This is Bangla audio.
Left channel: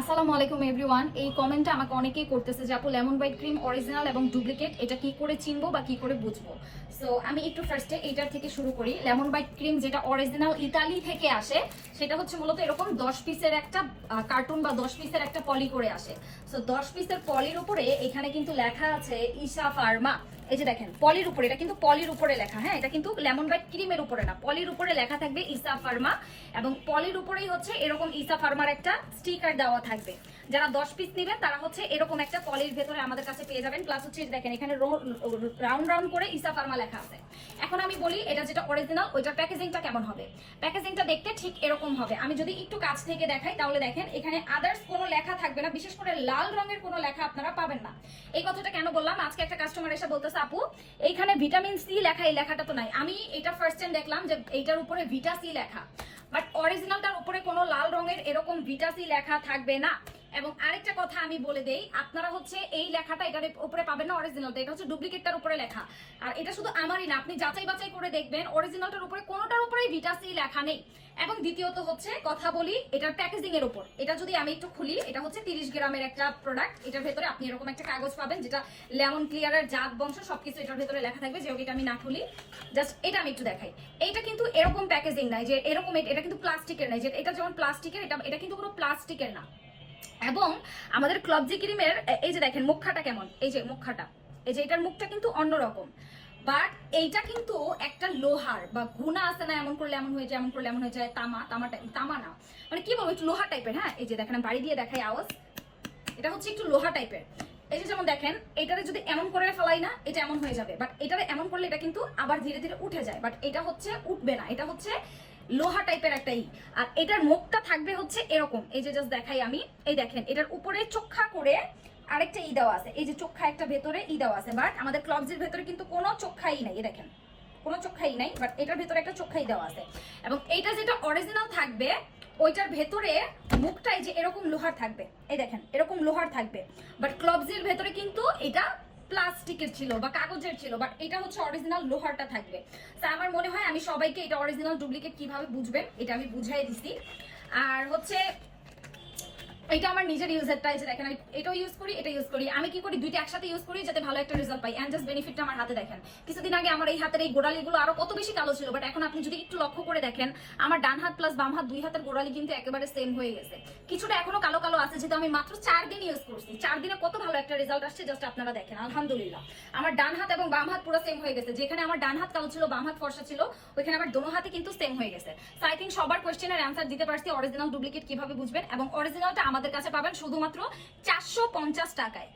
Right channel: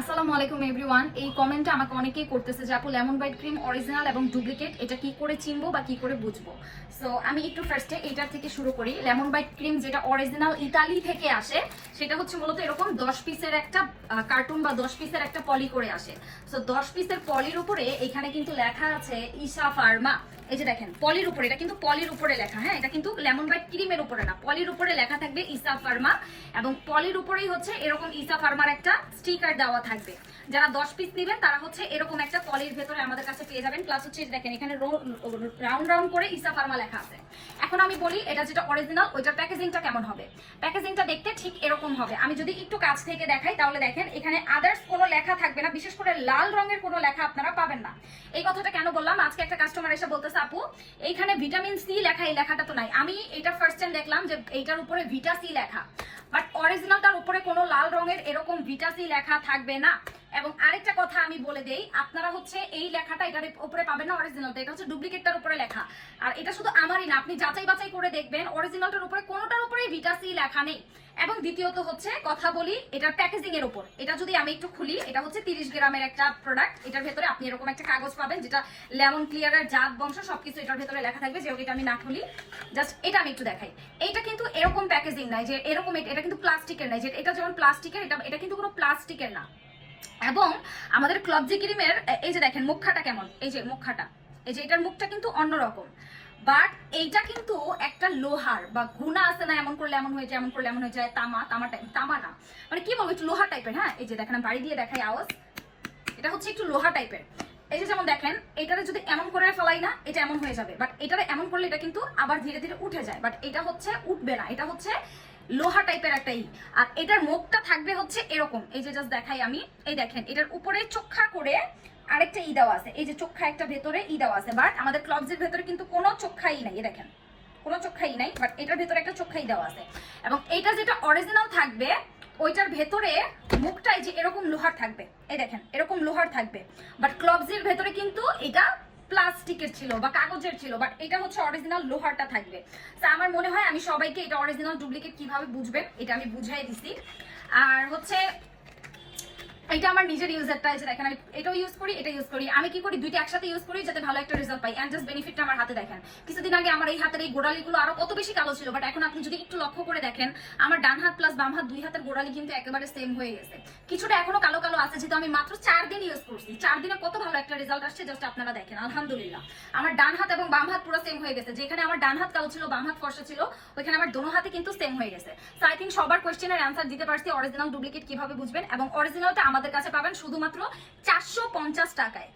আসসালামু আলাইকুম এভরিওয়ান। এই কমেন্টটা আমাকে অনেকেই করতেছে যে আপু লেমন বাইট ক্রিম অরিজিনাল এবং ডুপ্লিকেট এটা কি করে চিনবো বা কি করে বুঝবো। সো আমি একটু ফার্স্টে এইটার থেকে শুরু করি। লেমন বাইট ক্রিম যেটা অরিজিনাল ইতালি থেকে আসে সেটা হচ্ছে মূলত এরকম 10 পিসের একটা কার্টুন বা 10 পিসের একটা পলি করে আসে। সো 10 পিসের পলির উপরে এখানে কিন্তু লেখা আছে ইশা ফার্মা। এই যে দেখেন পলির উপরে, এটা কিন্তু পলির উপরে লেখা, হ্যাঁ এটা কিন্তু লেমন বাইট ক্রিমের উপরে না, পলির উপরে লেখা থাকবে ইসা ফার্মা এবং পলির উপরেই হচ্ছে এরকম ইসা ফার্মার একটা স্টিকার দেওয়া থাকবে। যারা 10 পিস নেবেন তারা হচ্ছে এরকম একটা পলির ভেতরে আমাদের কাছে পেয়ে যাবেন। প্লাস হচ্ছে দেখেন এখানে রাউন্ড রাউন্ড করে ইসা ফার্মা লেখা আছে। এখন আমি বলি এটা যেটা অরিজিনাল ওইটার প্যাকেজিংটা কেমন হবে। প্যাকেজিংটা দেখতে ঠিক এরকম হবে। আমি যদি একটু কাছ থেকে দেখাই তাহলে দেখেন এখানে আদার্স কোনো লেখা থাকবে না, বিশেষ করে লাল রঙের কোনো লেখা আপনারা পাবেন না। এই কথাটা কেন বললাম, আজকে একটা কাস্টমার এসে বলতেছে আপু এইখানে ভিটামিন সি লেখা, এই লেখাটা তো নাই। আমি এটা ফার্স্ট টাইম দেখলাম যে এইটার উপরে ভিটা সি লেখা, বাট অরিজিনালটার উপরে কোনো লাল রঙের এরকম ভিটা সি লেখা থাকবে না। এবং আরেকটা কথা আমি বলে দেই, আপনারা হচ্ছে এই লেখাটা এটার উপরে পাবেন না অরিজিনালটা, এটা হচ্ছে ডুপ্লিকেটটার উপরে লেখা। আর এটা শুধু আমারই না, আপনি যাচাই বাছাই করে দেখবেন অরিজিনালটার উপরে কোনোটার উপরেই ভিটা সি লেখা নেই। এবং দ্বিতীয়ত হচ্ছে কথা বলি এটার প্যাকেজিং এর উপর। এটা যদি আমি একটু খুলি, এটা হচ্ছে 30 গ্রামের একটা প্রোডাক্ট। এটার ভেতরে আপনি এরকম একটা কাগজ পাবেন যেটা লেমন ক্লিয়ারের জাত বংশ সবকিছু এটার ভেতরে লেখা থাকবে। যেরকম এটা আমি না খুলি, জাস্ট এটা আমি একটু দেখাই। এইটা কিন্তু এরকম প্যাকেজিং নাই যে এরকম, এটা কিন্তু প্লাস্টিকের নাই। যে এটা যেমন প্লাস্টিকের, এটা কিন্তু কোনো প্লাস্টিকের না। এবং আমাদের ক্লবজি ক্রিমের এই যে দেখেন মুখখাটা কেমন, এই যে মুখখাটা, এই যে এটার মুখটা কিন্তু অন্যরকম। বাট এইটা কিন্তু একটা লোহার বা গুণা আছে না, এমন করলে এমন হয়ে যায়, এমন করলে এমন হয়ে যায়, তামা না, মানে কি বলবো একটু লোহা টাইপের। হ্যাঁ এই যে দেখেন আমি বাড়ি দিয়ে দেখাই আওয়াজ, এটা হচ্ছে একটু লোহা টাইপের। এই যে যেমন দেখেন এটারে যদি এমন করে ফেলাই না এটা এমন হয়ে যাবে, বাট এটারে এমন করলে এটা কিন্তু আবার ধীরে ধীরে উঠে যায়। বাট এটা হচ্ছে উঠবে না, এটা হচ্ছে লোহা টাইপের একটা ই। আর এটার মুখটা থাকবে হচ্ছে এরকম, এই যে জাস্ট দেখাই আমি, এই দেখেন এটার উপরে চোখা করে আরেকটা ই দেওয়া আছে। এই যে চোখা একটা ভেতরে ই দেওয়া আছে, বাট আমাদের ক্লবসের ভেতরে কিন্তু কোনো চোখাই নাই, দেখেন কোনো চোখাই নাই, বাট এটার ভেতরে একটা চোখাই দেওয়া আছে। এবং এটা যেটা অরিজিনাল থাকবে ওইটার ভেতরে মুখটাই যে এরকম লোহার থাকবে, এই দেখেন এরকম লোহার থাকবে। বাট ক্লবসের ভেতরে কিন্তু এটা প্লাস্টিকের ছিল বা কাগজের ছিল, বাট এটা হচ্ছে অরিজিনাল লোহারটা থাকবে। তা আমার মনে হয় আমি সবাইকে এটা অরিজিনাল ডুপ্লিকেট কিভাবে বুঝবেন এটা আমি বুঝিয়ে দিচ্ছি। আর হচ্ছে এটা আমার নিজের ইউজারটা, এই যে দেখেন আমি এটাও ইউজ করি, এটা ইউজ করি। আমি কি করি দুইটা একসাথে ইউজ করি যাতে ভালো একটা রেজাল্ট পাই। এন্ড জাস্ট বেনিফিটটা আমার হাতে দেখেন। কিছুদিন আগে আমার এই হাতের এই গোড়ালিগুলো আরো কত বেশি কালো ছিল, বাট এখন আপনি যদি একটু লক্ষ্য করে দেখেন আমার ডান হাত প্লাস বাম হাত দুই হাতের গোড়ালি কিন্তু একেবারে সেম হয়ে গেছে। কিছুটা এখনো কালো কালো আছে, যেহেতু আমি মাত্র 4 দিন ইউজ করছি। 4 দিনে কত ভালো একটা রেজাল্ট আসছে জাস্ট আপনারা দেখেন। আলহামদুলিল্লাহ আমার ডান হাত এবং বাম হাত পুরো সেম হয়ে গেছে। যেখানে আমার ডান হাত কালো ছিল বাম হাত ফর্সা ছিল, ওইখানে আমার দোনো হাতে কিন্তু সেম হয়ে গেছে। সো আই থিংক সবার কোয়েশ্চেনের অ্যান্সার দিতে পারছি অরিজিনাল ডুপ্লিকেট কিভাবে বুঝবেন। এবং অরিজিনালটা আমাদের কাছে পাবেন শুধুমাত্র 450 টাকায়।